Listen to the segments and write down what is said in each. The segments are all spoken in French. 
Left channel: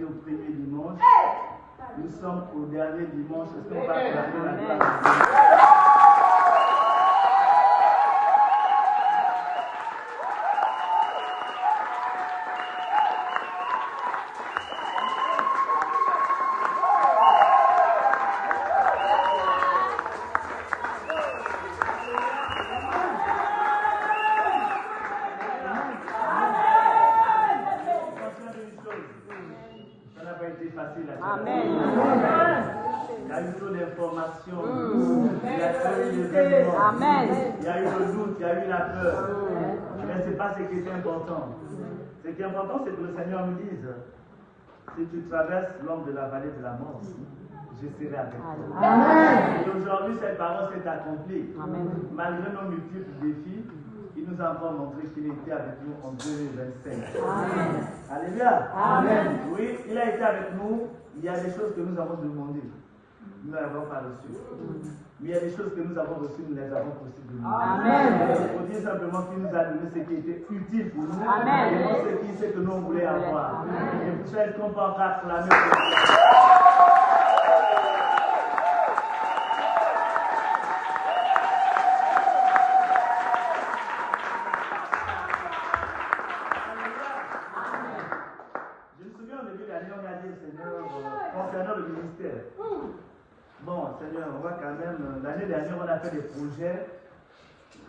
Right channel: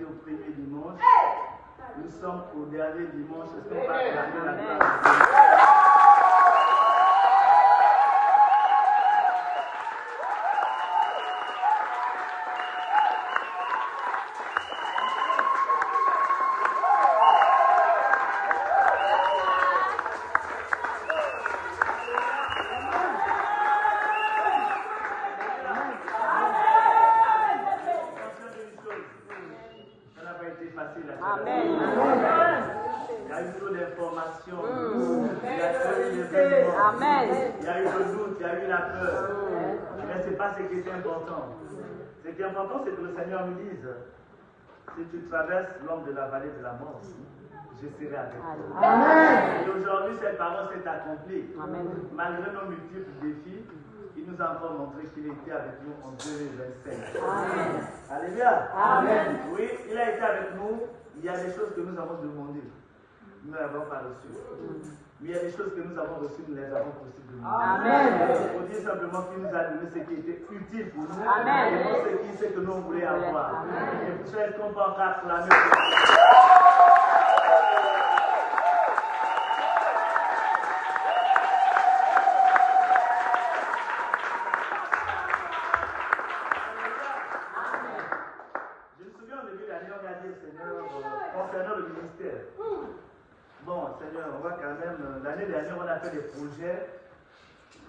été au premier dimanche. Nous sommes au dernier dimanche. Est-ce qu'on va acclamer la gloire de Dieu? Facile à faire. Il y a eu trop d'informations, il y a eu des événements, il y a eu le doute, il y a eu la peur. Mais ce n'est pas ce qui est important. Ce qui est important, c'est que le Seigneur me dise, si tu traverses l'ombre de la vallée de la mort, je serai avec toi. Et aujourd'hui, cette parole s'est accomplie. Malgré nos multiples défis, il nous a encore montré qu'il était avec nous en 2025. Alléluia. Amen. Oui, il a été avec nous. Il y a des choses que nous avons demandées. Nous n'avons pas reçues. Mais il y a des choses que nous avons reçues, nous les avons possiblement. Il faut dire simplement qu'il nous a donné ce qui était utile pour nous. Et non ce que nous voulions avoir. Et pour ça, est-ce qu'on peut encore acclamer pour l'année dernière, on a fait des projets.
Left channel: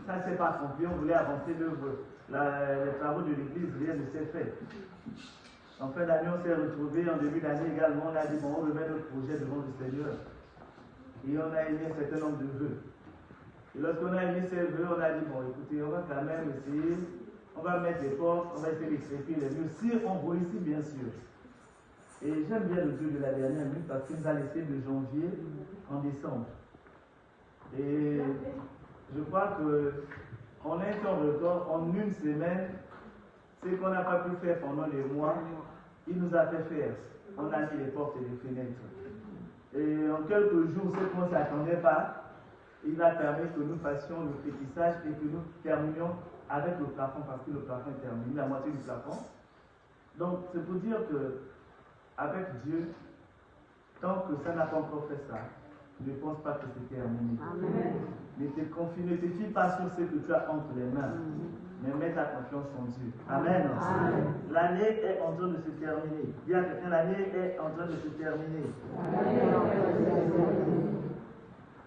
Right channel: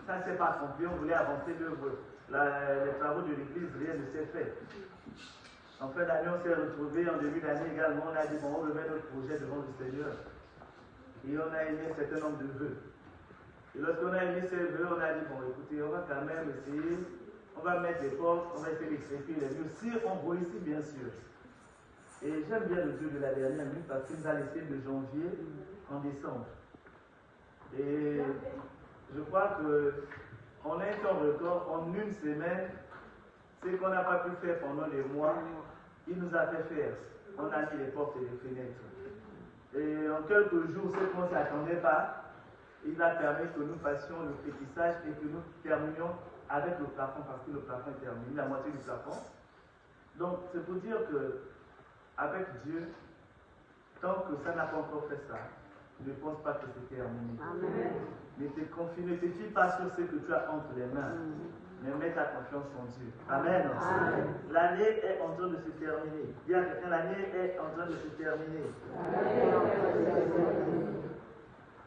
Ça ne s'est pas accompli. On voulait avancer les travaux de l'église, rien ne s'est fait. En fin d'année, on s'est retrouvés. En début d'année également, on a dit bon, on veut mettre le projet du nom du Seigneur. Et on a émis un certain nombre de vœux. Et lorsqu'on a émis ces vœux, on a dit bon, écoutez, on va quand même essayer. On va mettre les portes, on va essayer d'expliquer les murs. Si on réussit, bien sûr. Et j'aime bien le Dieu de la dernière nuit parce qu'il nous a laissé de janvier en décembre. Et je crois qu'on est en record en une semaine, ce qu'on n'a pas pu faire pendant les mois, il nous a fait faire. On a mis les portes et les fenêtres. Et en quelques jours, ce qu'on ne s'attendait pas, il a permis que nous fassions le pétissage et que nous terminions avec le plafond, parce que le plafond est terminé, la moitié du plafond. Donc, c'est pour dire que avec Dieu, tant que ça n'a pas encore fait ça, je ne pense pas que c'est terminé. Mais t'es confié, ne te fie pas sur ce que tu as entre les mains, mais mets ta confiance en Dieu. Amen. L'année est en train de se terminer. Dis à quelqu'un, l'année est en train de se terminer.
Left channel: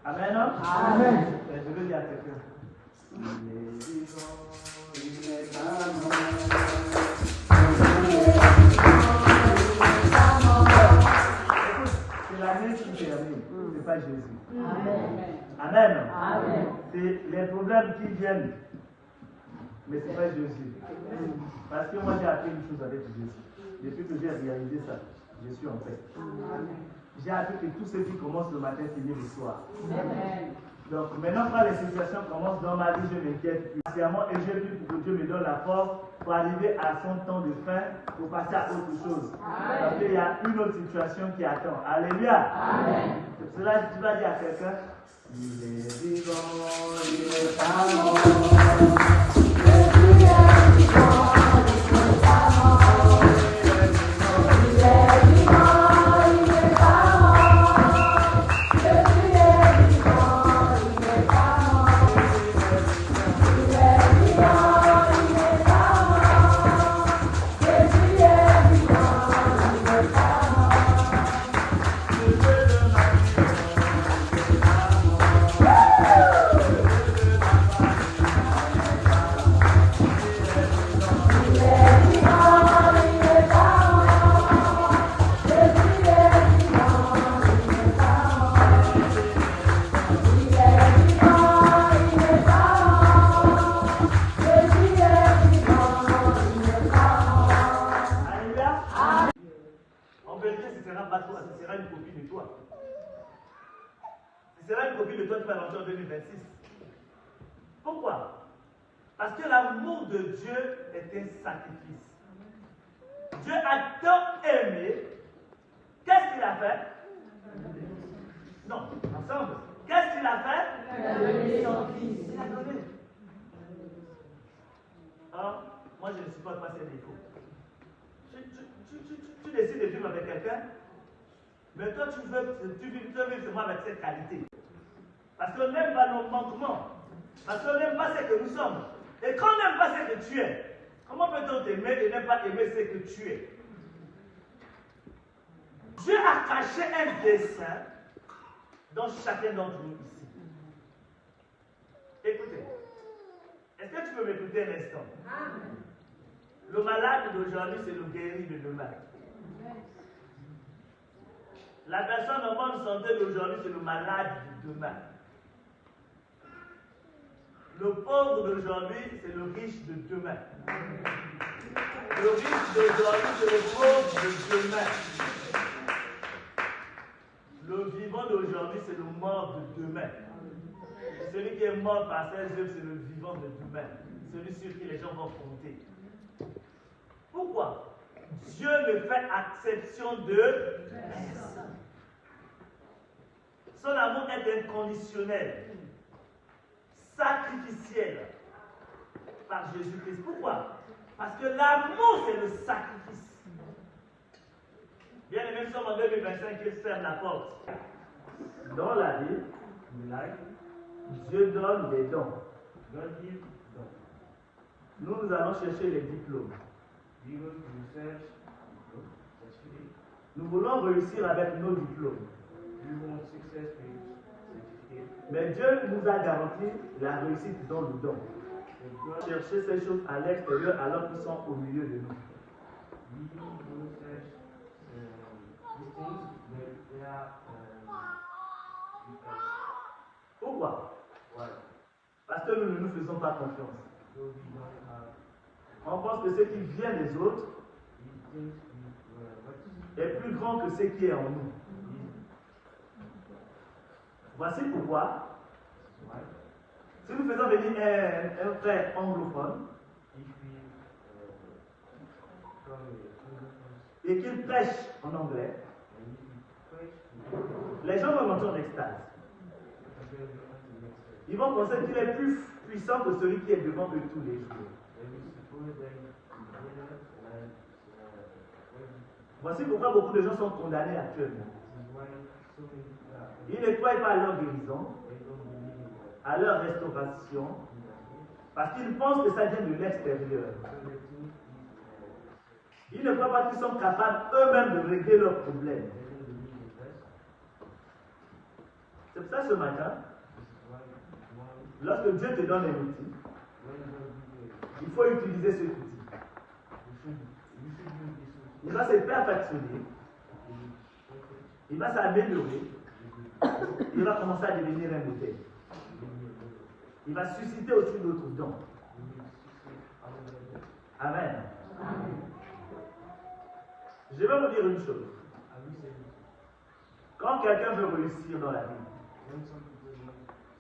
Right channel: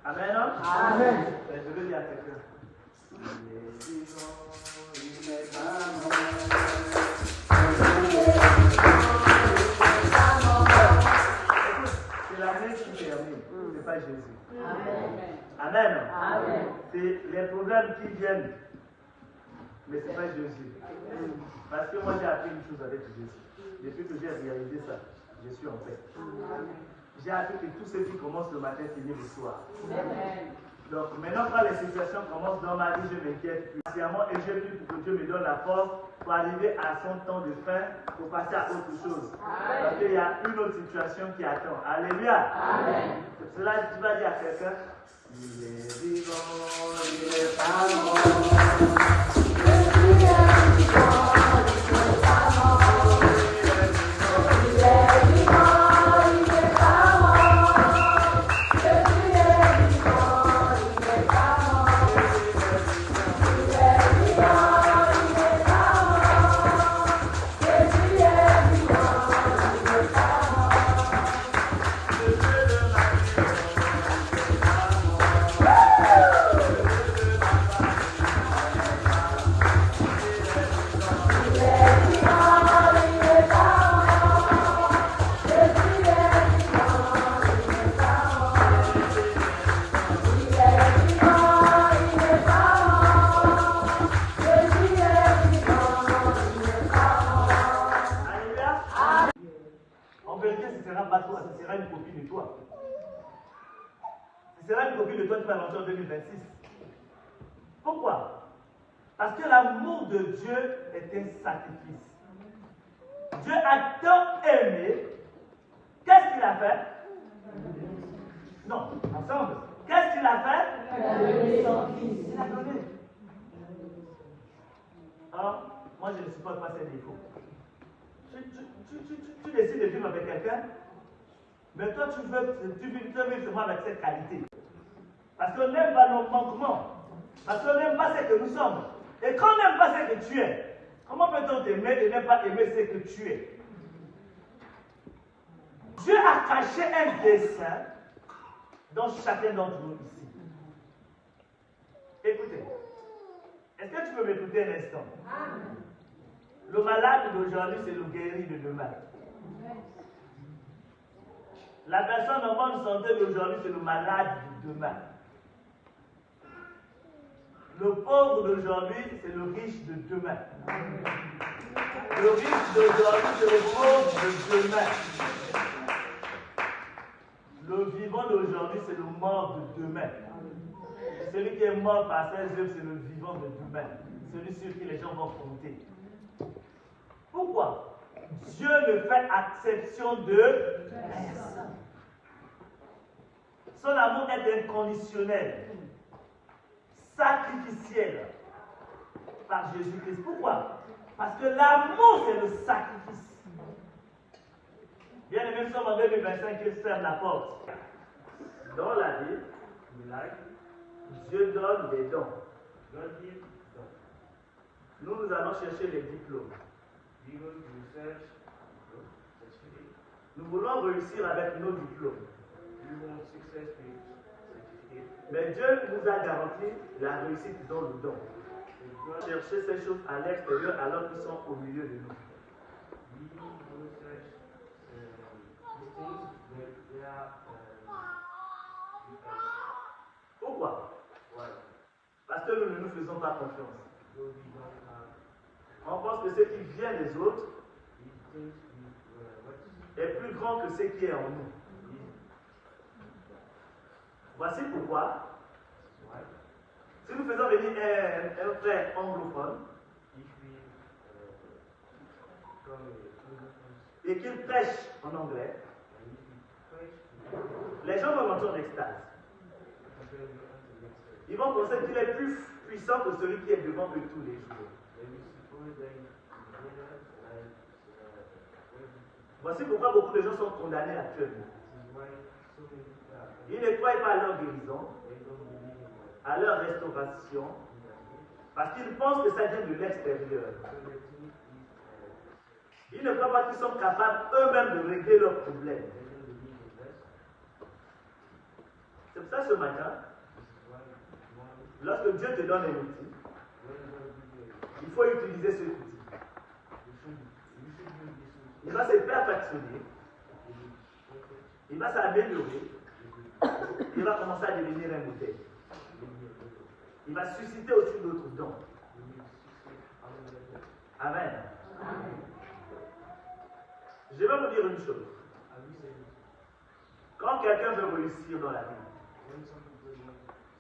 Amen. Amen. Je veux dire à quelqu'un. C'est l'année qui termine, ce n'est pas Jésus. Amen. Amen. C'est les problèmes qui viennent, mais ce n'est pas Jésus. Parce que moi j'ai appris une chose avec Jésus. Depuis que j'ai réalisé ça, je suis en paix. J'ai appris que tout ce qui commence le matin finit le soir. Donc maintenant quand les situations commencent dans ma vie, je m'inquiète spécialement et je prie pour que Dieu me donne la force pour arriver à son temps de fin, pour passer à autre chose. Parce qu'il y a une autre situation qui attend. Alléluia. C'est cela que tu vas dire à quelqu'un. Il est vivant, il est ce sera une copie de toi. Ce sera une copie de toi qui va lancer en 2026. Pourquoi? Parce que l'amour de Dieu est un sacrifice. Dieu a tant aimé. Qu'est-ce qu'il a fait? Non, ensemble. Qu'est-ce qu'il a fait? Il a donné son fils. Il a donné. Alors, moi je ne supporte pas ces défauts. tu décides de vivre avec quelqu'un, mais toi tu veux vivre seulement avec cette qualité. Parce qu'on n'aime pas nos manquements. Parce qu'on n'aime pas ce que nous sommes. Et quand on n'aime pas ce que tu es, comment peut-on t'aimer et ne pas aimer ce que tu es? Dieu a caché un dessein dans chacun d'entre nous ici. Écoutez. Est-ce que tu peux m'écouter un instant? Le malade d'aujourd'hui, c'est le guéri de demain. La personne en bonne santé d'aujourd'hui, c'est le malade de demain. Le pauvre d'aujourd'hui, c'est le riche de demain. Le riche d'aujourd'hui, c'est le pauvre de demain. Le vivant d'aujourd'hui, c'est le mort de demain. Et celui qui est mort par ses œuvres, c'est le vivant de demain. Celui sur qui les gens vont compter. Pourquoi? Dieu ne fait exception de personne. Son amour est inconditionnel, sacrificiel par Jésus-Christ. Pourquoi? Parce que l'amour, c'est le sacrifice. Bien aimé, nous sommes en 2025, il ferme la porte. Dans la vie, Dieu donne des dons. Nous allons chercher les diplômes. Nous voulons réussir avec nos diplômes. Mais Dieu nous a garanti la réussite dans nos dons. Nous allons chercher ces choses à l'extérieur alors qu'ils sont au milieu de nous. Pourquoi? Parce que nous ne nous faisons pas confiance. On pense que ce qui vient des autres est plus grand que ce qui est en nous. Voici pourquoi, si nous faisons venir un frère anglophone et qu'il prêche en anglais, les gens vont entendre l'extase. Ils vont penser qu'il est plus puissant que celui qui est devant eux tous les jours. Voici pourquoi beaucoup de gens sont condamnés actuellement. Ils ne croient pas à leur guérison, à leur restauration, parce qu'ils pensent que ça vient de l'extérieur. Ils ne croient pas qu'ils sont capables eux-mêmes de régler leurs problèmes. C'est pour ça que ce matin, lorsque Dieu te donne un outil, il faut utiliser cet outil. Il va se perfectionner, il va s'améliorer, il va commencer à devenir un modèle. Il va susciter aussi d'autres dons. Amen. Je vais vous dire une chose. Quand quelqu'un veut réussir dans la vie,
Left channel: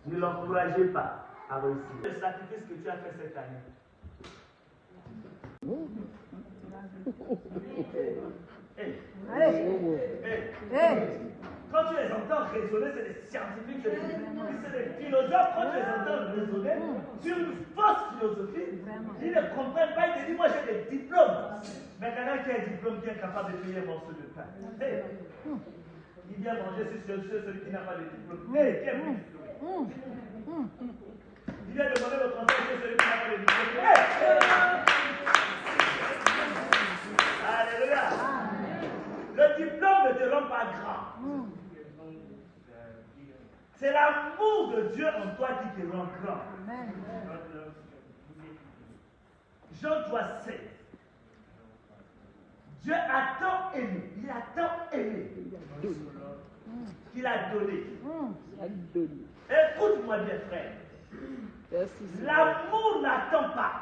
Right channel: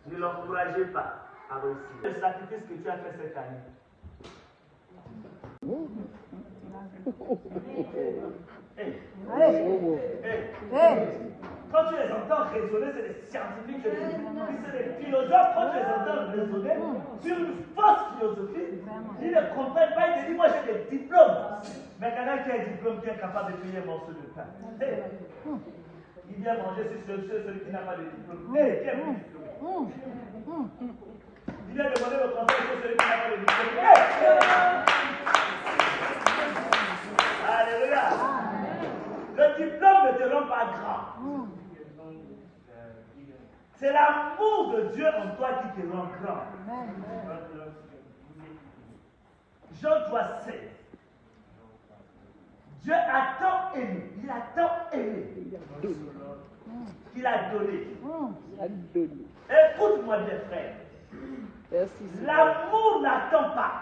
ne l'encouragez pas à réussir. Le sacrifice que tu as fait cette année. Quand tu les entends raisonner, c'est des scientifiques, c'est des philosophes. Quand tu les entends raisonner sur une fausse philosophie, ils ne comprennent pas. Ils te disent, moi j'ai des diplômes. Mais quelqu'un qui a un diplôme qui est capable de payer un morceau de pain. Il vient manger sur celui qui n'a pas de diplôme. Qui est plus diplômé? Il vient demander le conseil sur celui qui n'a pas de diplôme. Alléluia. Le diplôme ne te rend pas grand. C'est l'amour de Dieu en toi qui te rend grand. Jean 3,16. Dieu a tant aimé, il a tant aimé qu'il a donné. Écoute-moi bien, frère. L'amour n'attend pas.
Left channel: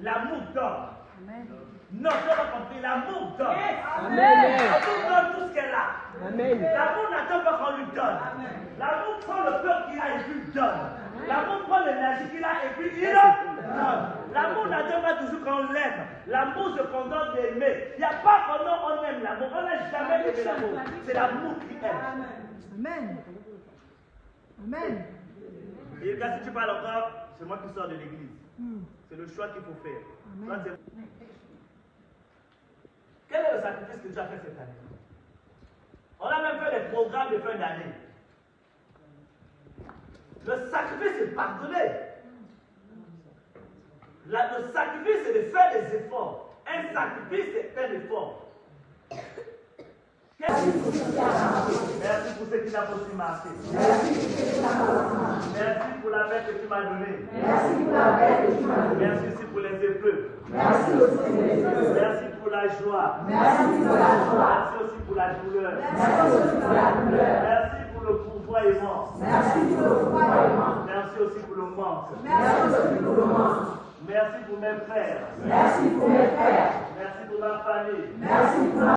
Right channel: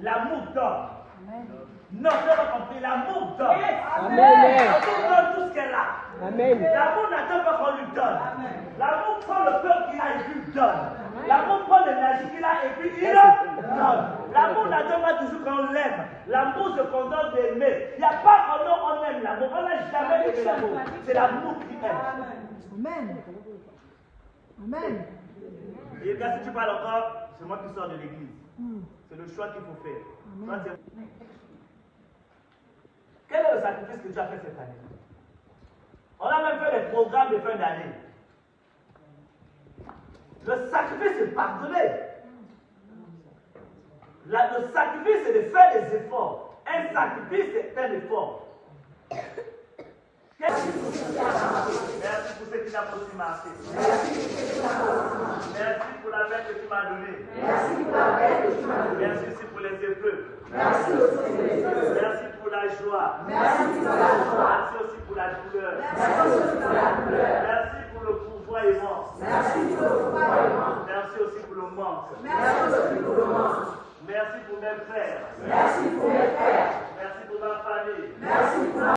L'amour donne. Non, tu n'as pas compris. L'amour donne. L'amour donne tout ce qu'elle a. L'amour n'attend pas qu'on lui donne. L'amour prend le cœur qu'il a et puis donne. L'amour prend l'énergie qu'il a et puis il donne. L'amour n'attend pas toujours qu'on l'aime. L'amour se contente d'aimer. Il n'y a pas un nom on aime l'amour. On n'a jamais aimé l'amour. C'est l'amour qui aime. Amen. Amen. Et quand si tu parles encore, c'est moi qui sors de l'église. C'est le choix qu'il faut faire. Quel est le sacrifice que tu as fait cette année? On a même fait des programmes de fin d'année. Le sacrifice, c'est pardonner. Le sacrifice, c'est de faire des efforts. Un sacrifice, c'est un effort. Merci pour ce qui n'a pas pu marcher. Merci pour la paix que tu m'as donnée. Merci pour les épreuves. Merci pour la joie.